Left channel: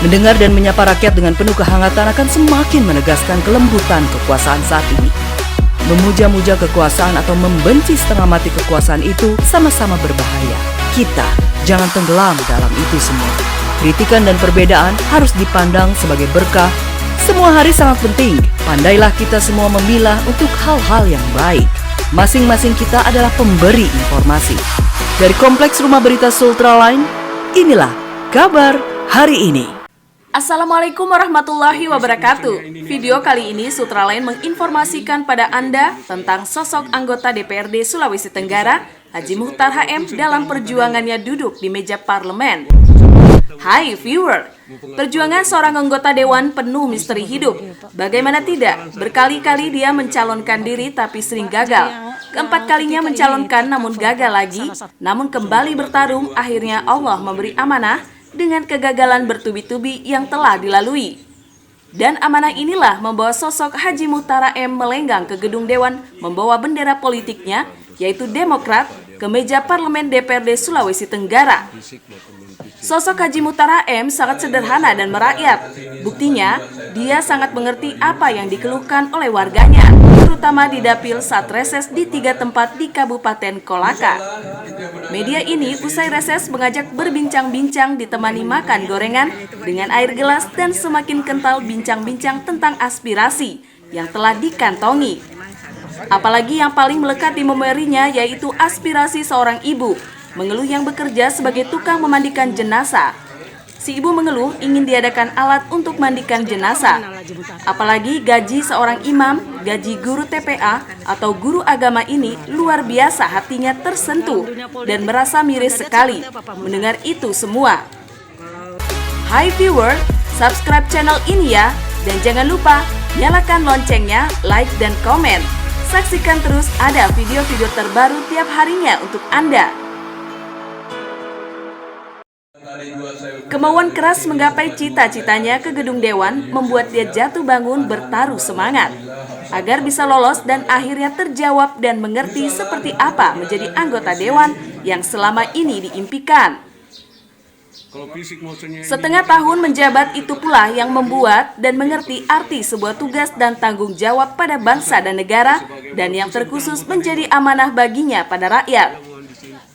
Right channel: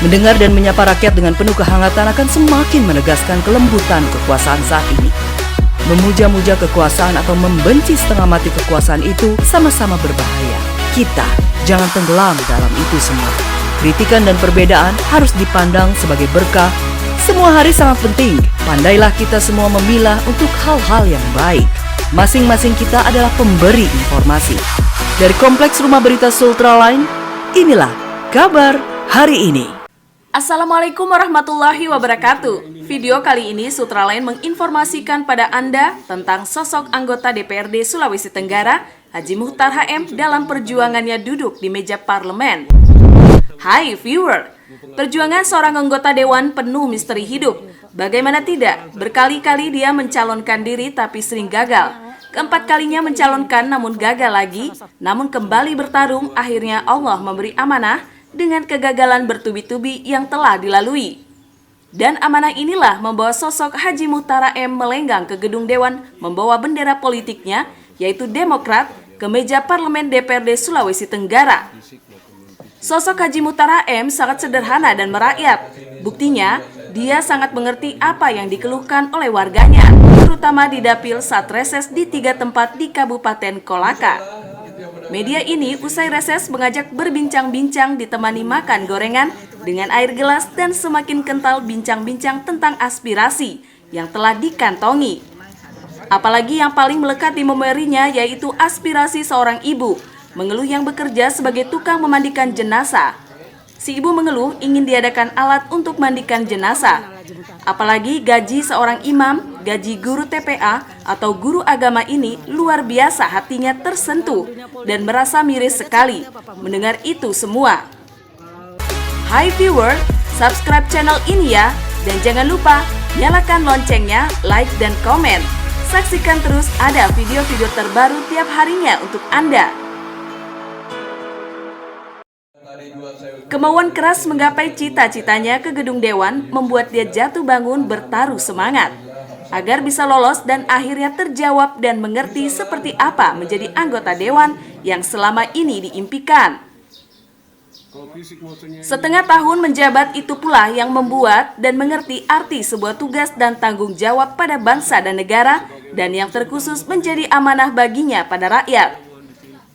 Mendengar dan menyapa rakyat dengan penuh kehangatan akan semakin menegaskan kelembutan kekuasaan saat ini. Memuja-muja kekuasaan atau membenci setengah mati kekuasaan itu sama-sama berbahaya. Kita jangan tenggelam dalam itu semua. Kritikan dan perbedaan harus dipandang sebagai berkah. Semua hari sangat penting. Pandailah kita semua memilah untuk hal-hal yang baik. Masing-masing kita adalah pemberi informasi. Dari Kompleks Rumah Berita Sultraline, inilah kabar hari ini. Assalamualaikum warahmatullahi wabarakatuh. Video kali ini Sultraline menginformasikan pada Anda tentang sosok anggota DPRD Sulawesi Tenggara, Haji Muchtar HM dalam perjuangannya duduk di meja parlemen. Hai viewer, perjuangan seorang anggota dewan penuh misteri hidup. Bagaimana tidak, berkali-kali dia mencalonkan diri tapi sering gagal. Keempat kalinya mencalonkan namun gagal lagi, namun kembali bertarung, akhirnya Allah memberi amanah dengan kegagalan bertubi-tubi yang telah dilalui. Dan amanah inilah membawa sosok Haji Muchtar HM melenggang ke gedung dewan membawa bendera politiknya, yaitu Demokrat, ke meja parlemen DPRD Sulawesi Tenggara. Sosok Haji Muchtar HM sangat sederhana dan merakyat. Buktinya, dia sangat mengerti apa yang dikeluhkan oleh warganya, terutama di dapil saat reses di 3 tempat di Kabupaten Kolaka. Media ini usai reses mengajak berbincang-bincang ditemani makan gorengan dengan air gelas dan semakin kental bincang-bincang tentang aspirasi yang telah dikantongi. Apalagi yang paling melekat di memorinya yaitu aspirasi seorang ibu mengeluh yang bekerja sebagai tukang memandikan jenazah. Si ibu mengeluh ingin diadakan alat untuk mandikan jenazah. Apalagi gaji seorang imam, gaji guru TPA atau guru agama ini luar biasa, hatinya tersentuh dan merasa miris sekali mendengar itu semua. Hai viewer, subscribe channel ini ya, dan jangan lupa nyalakan loncengnya, like dan komen. Saksikan terus ada video-video terbaru tiap harinya untuk Anda. Kemauan keras menggapai cita-citanya ke gedung dewan membuat dia jatuh bangun bertaruh semangat agar bisa lolos dan akhirnya terjawab dan mengerti seperti apa menjadi anggota dewan yang selama ini diimpikan. Setengah tahun menjabat itu pula yang membuat dan mengerti arti sebuah tugas dan tanggung jawab pada bangsa dan negara, dan yang terkhusus menjadi amanah baginya pada rakyat.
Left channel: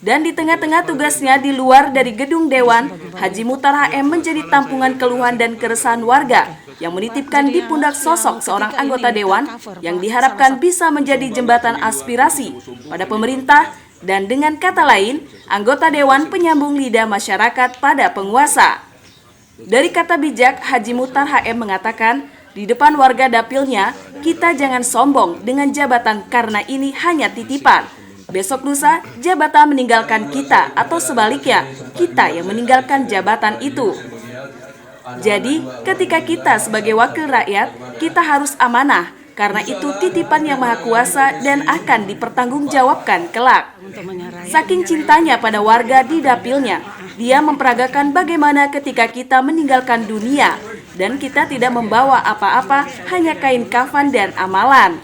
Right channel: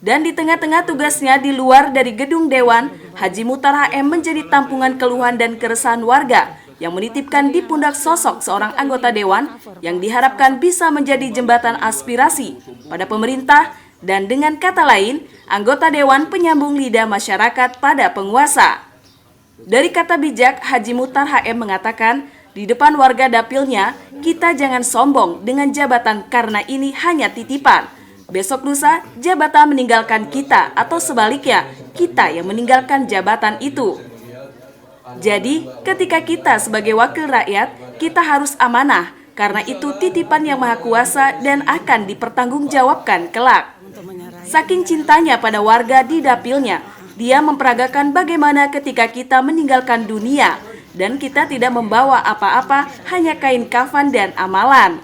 Dan di tengah-tengah tugasnya di luar dari gedung dewan, Haji Muchtar HM menjadi tampungan keluhan dan keresahan warga yang menitipkan di pundak sosok seorang anggota dewan yang diharapkan bisa menjadi jembatan aspirasi pada pemerintah dan dengan kata lain, anggota dewan penyambung lidah masyarakat pada penguasa. Dari kata bijak, Haji Muchtar HM mengatakan, di depan warga dapilnya, kita jangan sombong dengan jabatan karena ini hanya titipan. Besok lusa, jabatan meninggalkan kita atau sebaliknya, kita yang meninggalkan jabatan itu. Jadi, ketika kita sebagai wakil rakyat, kita harus amanah, karena itu titipan yang maha kuasa dan akan dipertanggungjawabkan kelak. Saking cintanya pada warga di dapilnya, dia memperagakan bagaimana ketika kita meninggalkan dunia, dan kita tidak membawa apa-apa, hanya kain kafan dan amalan.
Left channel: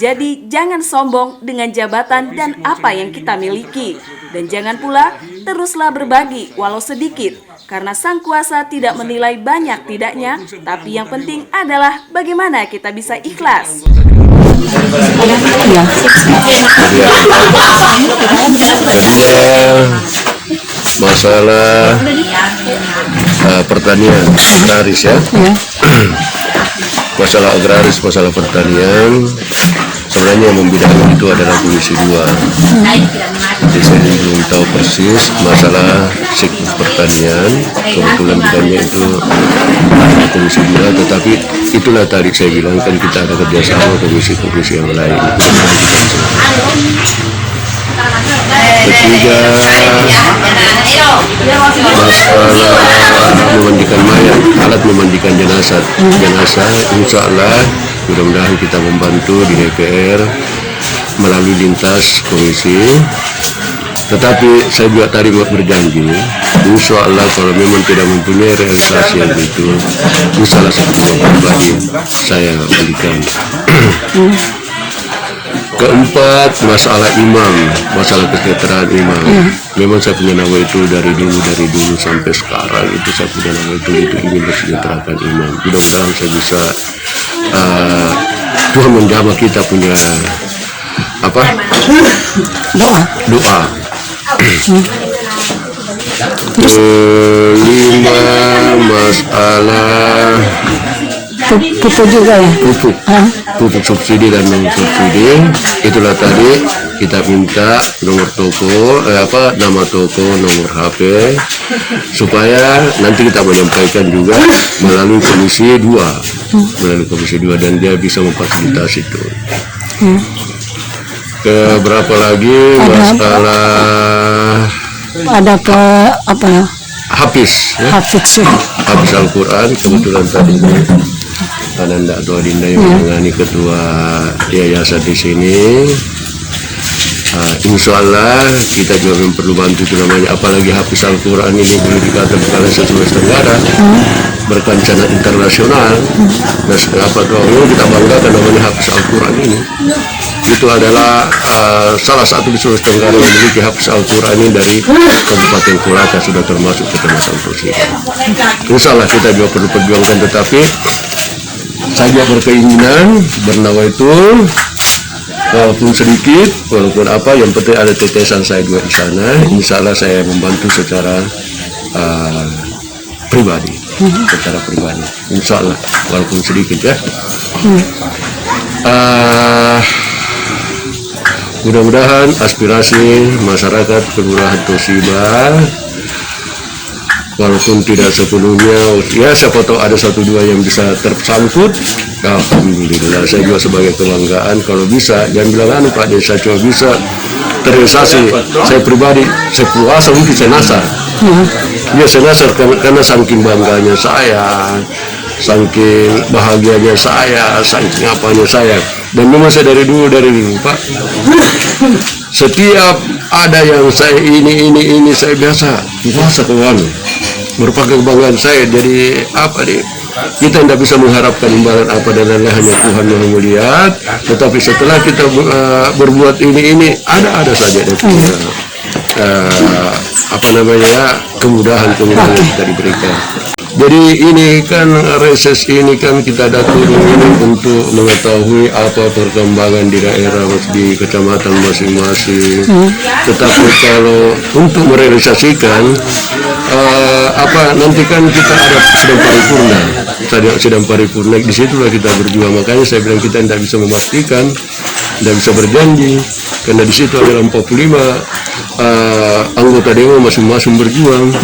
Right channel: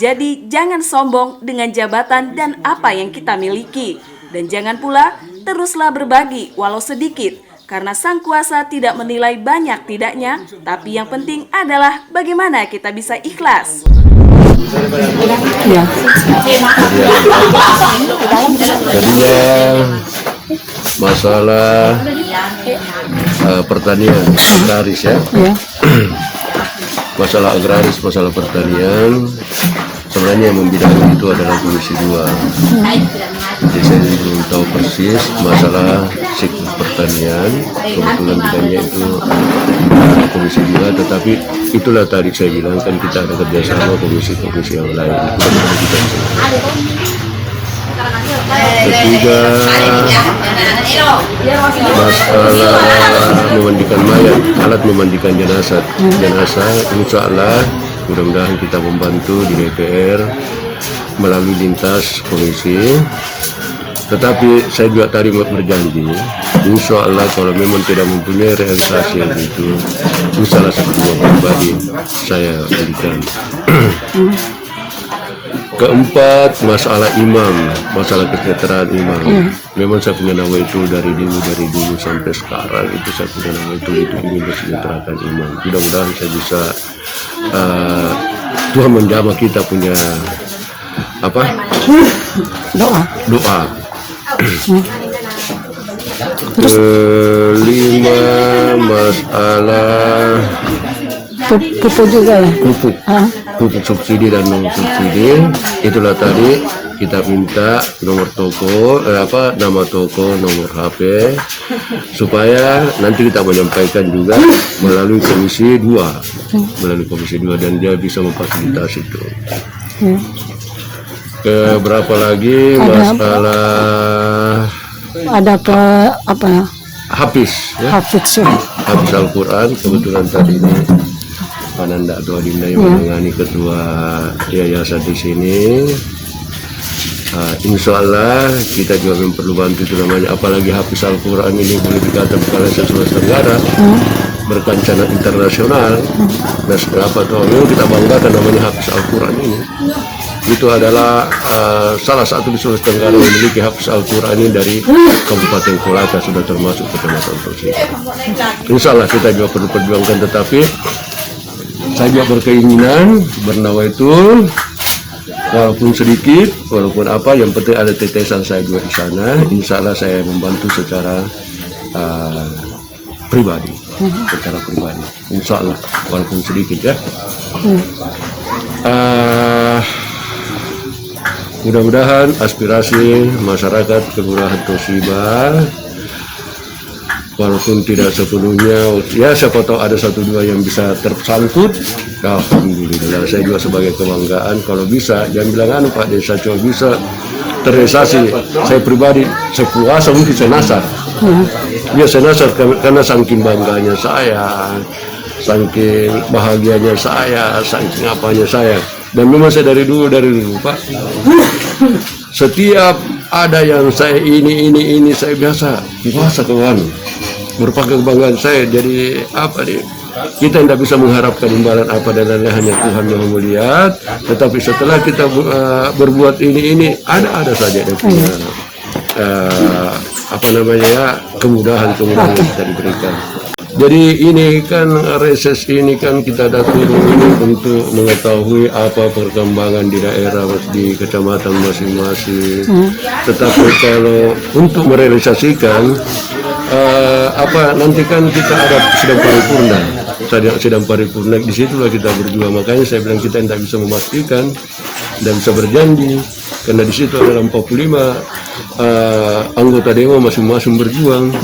Jadi jangan sombong dengan jabatan dan apa yang kita miliki. Dan jangan pula teruslah berbagi walau sedikit. Karena sang kuasa tidak menilai banyak tidaknya. Tapi yang penting adalah bagaimana kita bisa ikhlas. Jadinya masalah pertanian agraris ya. Masalah agraris, masalah pertanian, sebenarnya yang membedakan itu adalah Komisi 2. Jadi saya belum tahu persis masalah siklus pertanian, kebetulan bidangnya itu Komisi 2, tetapi itulah tadi saya bilang kan kita ada kerjasama komisi-komisi yang lain. Ketiga, masalah memandikan mayat, alat memandikan jenazah. Insya Allah mudah-mudahan kita membantu di DPR melalui lintas komisi. Tetapi saya juga tadi berjanji, insya Allah kalau memang tidak mempunyai realisasi yang itu, salah satu uang pribadi saya berikan. Keempat, masalah imam, masalah kesejahteraan imam. Memang saya punya nama itu dari dulu sampai sekarang itu saya punya nama itu ingin mensejahterakan imam. Mudah-mudahan saya bisa Tuhan menjamah kita punya doa. Kelima, masalah pupuk juga ya. Pupuk subsidi dan non subsidi. Itulah tadi kita minta nomor toko, nama toko, nomor HP, supaya nanti kita menyampaikan juga melalui komisi 2, dan dia bisa memfasilitasi itu. Keberapa lagi masalah Ada ke apa ya? Hafiz, ya? Hafiz Al-Quran. Kebetulan tadi ini Ananda atau Adinda yang menangani ketua yayasan di sini. Insya Allah kita juga perlu bantu itu namanya, apalagi Hafiz Al-Quran ini boleh dikatakan oleh Sulawesi Tenggara berkancana internasional. Dan apa tuh kita banggakan namanya Hafiz Al-Quran ini. Itu adalah salah satu di Sulawesi Tenggara yang memiliki Hafiz Al-Quran ini dari Kabupaten Kulaka, sudah termasuk Kecamatan Torsida. Insya Allah kita juga perlu perjuangkan, tetapi saya berkeinginan bernawa itu walaupun sedikit, walaupun apa, yang penting ada tetesan saya juga di sana. Insya Allah saya membantu secara pribadi, Insya Allah walaupun sedikit ya. Mudah-mudahan aspirasi masyarakat Kelurahan Torsida walaupun tidak sepenuhnya, ya siapa tahu ada 1-2 yang bisa tersangkut. Alhamdulillah, saya juga sebagai kebanggaan kalau bisa, jangan bilang Pak Desa cuma bisa terrealisasi. Saya pribadi sepuasa mungkin saya nasar. Ya saya nasar karena saking bangganya saya, saking bahagianya saya, saking apanya saya. Dan memang saya dari dulu Pak, setiap ada yang saya ini saya biasa puasa kawan, merupakan kebanggaan saya. Jadi kita tidak bisa mengharapkan imbalan apa dan lain-lain, hanya Tuhan yang melihat. Tetapi setelah kita berbuat ini ada saja dia punya kemudahan yang kita diberikan. Jadi ini kan reses ini kan kita datang ini untuk mengetahui apa perkembangan di daerah, di kecamatan masing-masing. Tetapi kalau untuk merealisasikan nanti kan kita ada sidang paripurna, di situlah kita berjuang. Makanya saya bilang kita tidak bisa memastikan, tidak bisa berjanji, karena di situ ada 45 anggota dewan masing-masing berjuang,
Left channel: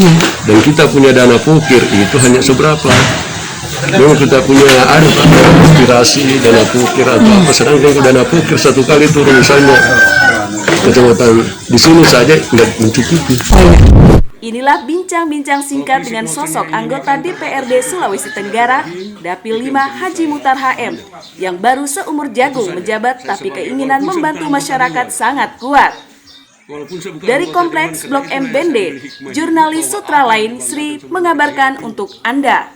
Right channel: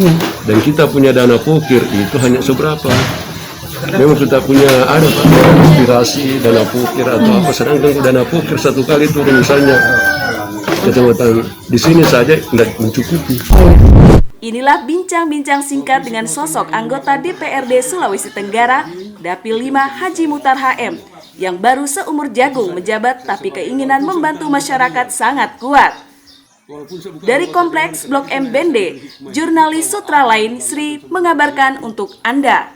dan kita punya dana pukir itu hanya seberapa. Memang kita punya aspirasi dana pukir atau apa, sedangkan dana pukir satu kali turun misalnya kecamatan di sini saja tidak mencukupi. Inilah bincang-bincang singkat dengan sosok anggota DPRD Sulawesi Tenggara, Dapil 5 Haji Muhtar HM, yang baru seumur jagung menjabat tapi keinginan membantu masyarakat sangat kuat. Dari Kompleks Blok M Bende, jurnalis Sutra Lain Sri mengabarkan untuk Anda.